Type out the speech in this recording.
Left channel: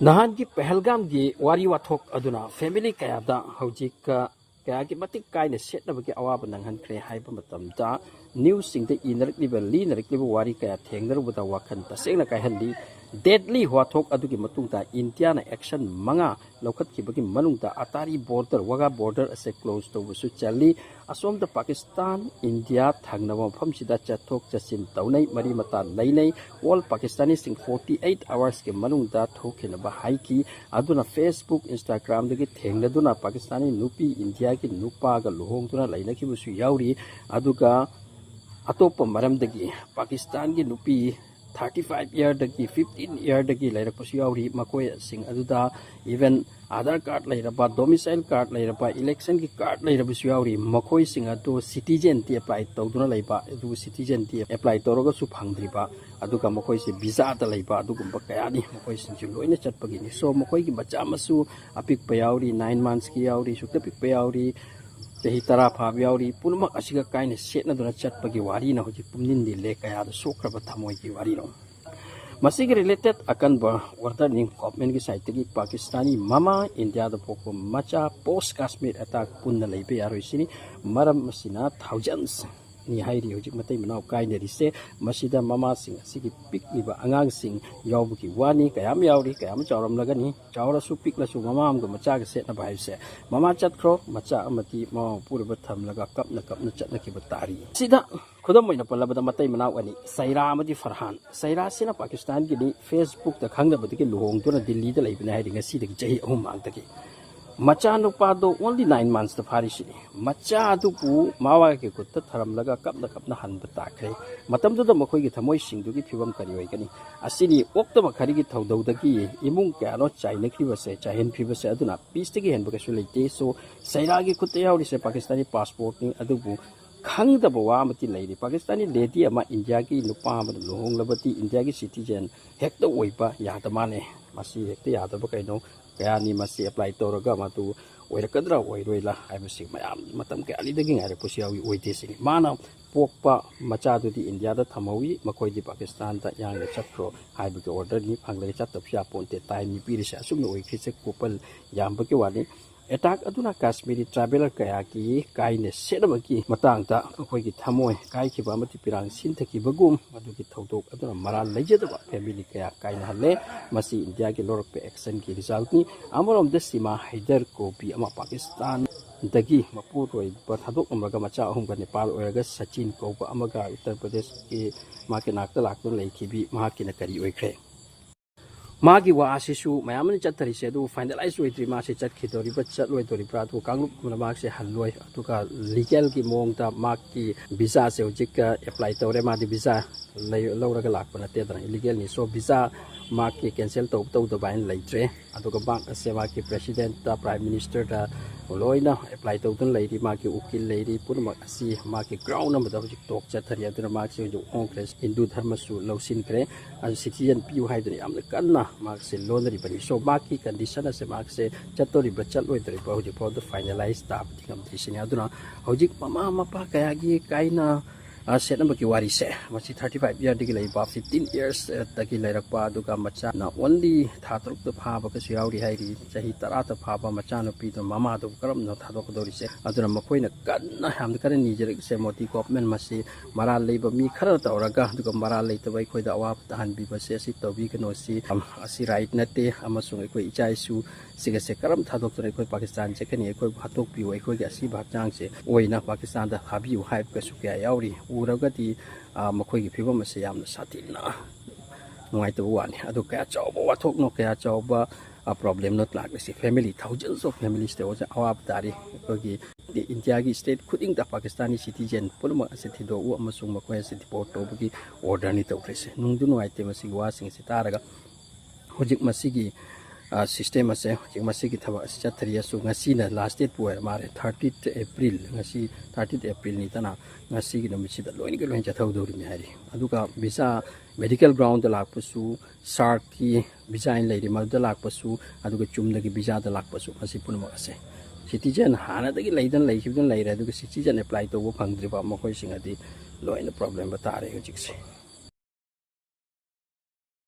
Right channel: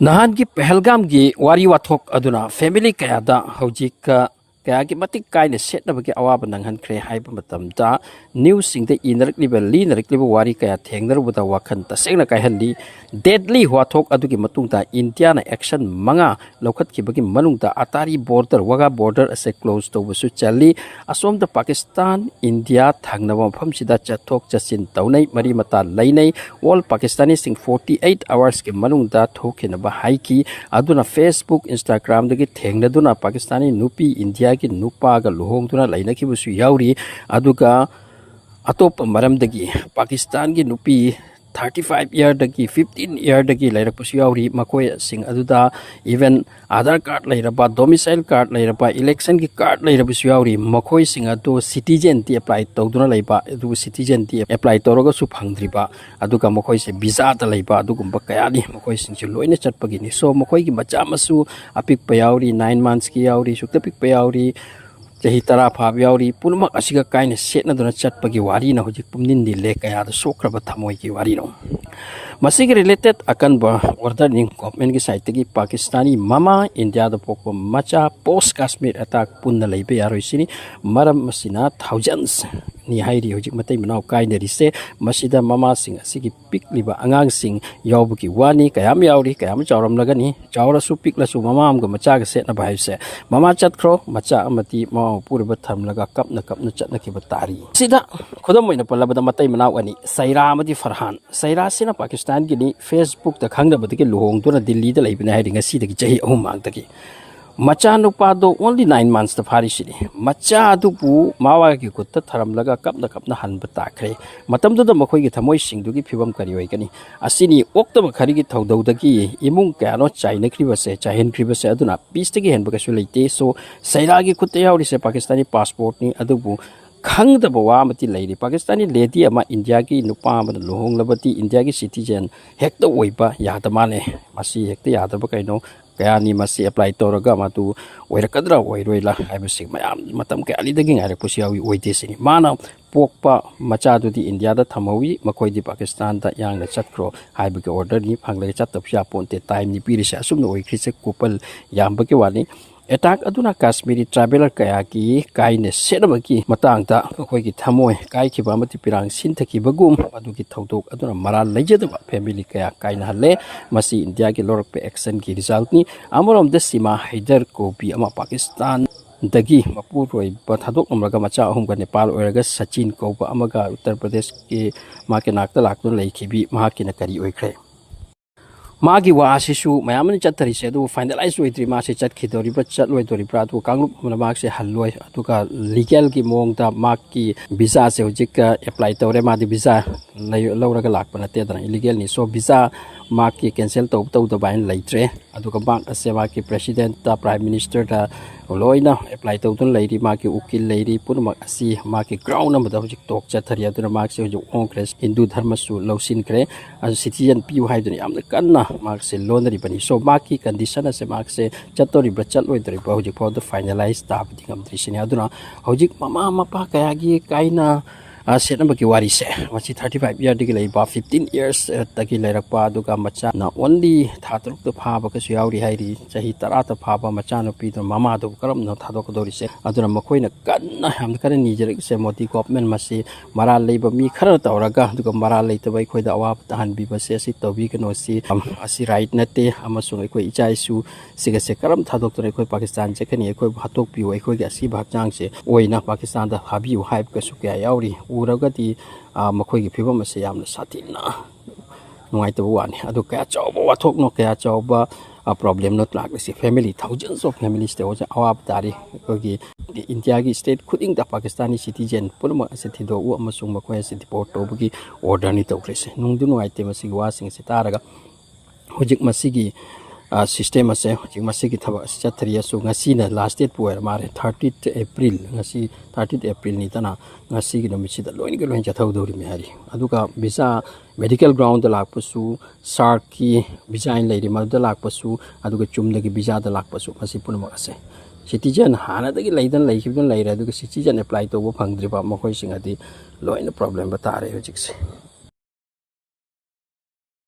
Nahangi Pahalgam gi wari wathok aduna family kayada hojik kaya ki matik kaina setna bagi awaba nanghan kre haiba matamda news sing the inarikliba linarikliba wari kaya thengnar buta wakhan tasengna kaihandi deadly wathok adugi matungta India na action manga lokhat ki bagi manungta atari border waga border ase close to busu chali asom da Pakistan India thangnawa pham sida chathok chasin taunai mari mata lainai all Pakistani sing 48 hours ke manungta thokena ba haiki aduna Facebook Instagram dagi thengna duna Pakistani nupi India ki nupa ga lohong tuna laina ki busu yauri aduga atop maram dagi Pakistan ki nupi 35 year dagi 15 year dagi lairak pusu yauri makoi sing aduda even Aadhaar card lairaba domicile card lairaba election ki card lairaba su yauri makoi sing adu citizen ti apply tawduna laiba adu citizen ti apply tawraga su phangdriba aduga makoi se visa ta laiba adugumba kayani makoi sing chu loina chatpagi ni so makoi ki macha masu apik pa yauri 9 months ki yauri sukta pik pa yauri jahi tara phab yauri punma asiga kaina setna duna chatpagi wari na hojik pumnin di le kaya da sokraba thamoi ki wari no masig related akan ba order ning government ki side ki Pakistani mama India da pokpo macha post Kashmir attack punna leibe yaroi sini maram masina thousands ni hairi hojik matai manau kainari se masida mama sing asigi pik liba angang sing yawbuki wani kayam yauri kayam chawram lagani chawra su pik la su mama am ga macha ga set na bai se mama chat khro macha amati ma purba tham laga kapna chat na ki batari sida khodam moina palabada matai manau ani saira amati farhan saira sina Pakistan gini Facebook da khangda badagi lohong tuna Delhi da laibina hairi ngasi dagi jahi ahum mang dagi macha nupa do only 9 months da phari sini macha adu pu mawa ki kutta tharam laga kapna han bata khre matam do da makoi gi thamoi sing du gi phibam kari oi gani asini okta ba khari gi thaudau dagi imung ka no chaina kriba se chahen kriba se aduna peace tagi hen ba ka su leite so saira gi kutta yauri se Pakistani passport ni adu bu khangdaba wa amati leiri Pakistani lady ama India ki nupa ama lohong labati India ki citizen hekta oiba yadamane masi hekta yadaba kaino kaya ni masi apply toraga matu oirakadra oiroila haibasig mayam matam kaya ali daging arak pusiyawi oite sini mana pokpa macha du di India da thamawi makoi di Pakistan da yang na chatkro haibage order ni phangla chatapsya ponte time ni pirisa asumna oikhrise kupal yambage wani attack aduna Kashmiri traveler kaya ki kaine sedabaki matangta khoi ki thamoi kai ki ba mati pirang sin thaki bagum adu ki thodok aduna maral lejedaba family kaya kaina halle masi India ki lorok pe action ki result ni amorom de sima Haider ko bi ama Pakistan dagi mapuroi ba thadok amraga macha ahum ga Nepal oiraga Sachin ko ba amaga Uttar Pradesh ki ma ke nakta laktu leikhibi ma ki na kari oikre magi wa asisu mayamani chattari se du finalize oitri ma se chat khidori ba chat loi dori pra tu kanglup mana mak se halloi atuka legal ki mong ta mak ki visa se hojik apply tore ma di visa laura ga lakpa na te dra illegal ni so visa mak ki cancel to da bain leitre atuka bank ase ma ki president ta prime minister ta loina apply to tun leiri ma ki ukil leiri purma asi ma ki ground am da hojik tok chathari aduna mak se hojik ongres hindu dharma su lausin kre as citizen piu hai duni am kanna mak se lonari bani so mak ki condition ase mak se chatori bachal oi dori ba hojik for the finalize ta bidingam drisini aduna hojik mama mapa kaya gi kaina setna ki wari se machi 35 year digi leiba 15 years tagi leirakpa aduga macha na only thatruk to phaba ka su yauri hairi chahi tara ta phaba macha no pi to mama do karam no thadok dori se aduna makoi na kanna ham kan ni jere se moti government masi mara leiba mi khara tawraga aduga mara leita bai khoi da awap tahan bi base si tobi kano si asi right nate amasung khoi ichai su siga se karam thadok to khoi Pakistan che khani khoi hatok pi oi khoi ga si bhak chang se oina Pakistan da habi u hype ka su kya yauri uragati makoi gi phibam ase yamna satina nuai to wani adu kaya chawba wathok no kaya chawba problem not like si family thousands of families te oja awab dari ko gi India gi state khuding da Pakistani citizen purma ase thido u amasung makoi ase deport to gi order ni to krese nungdu nuai te masi wa sing se taraga hojik masigi system ase hojik masigi thaba chathri asu ngasi na last date puer mare 30th April ngasi 30th April ni tana ngasi gi nomisi da loin chathau dori mi hari aduka visa medical ground da lakpasu shark ki visa in leiri ma da lakpasu aduka chumda gi visa da lakpasu masi punma ase citizen hana da gi leidan leikibdan leira aduka citizen apply to bo phangdri ba makoi singadi loin problem ba tare hojik se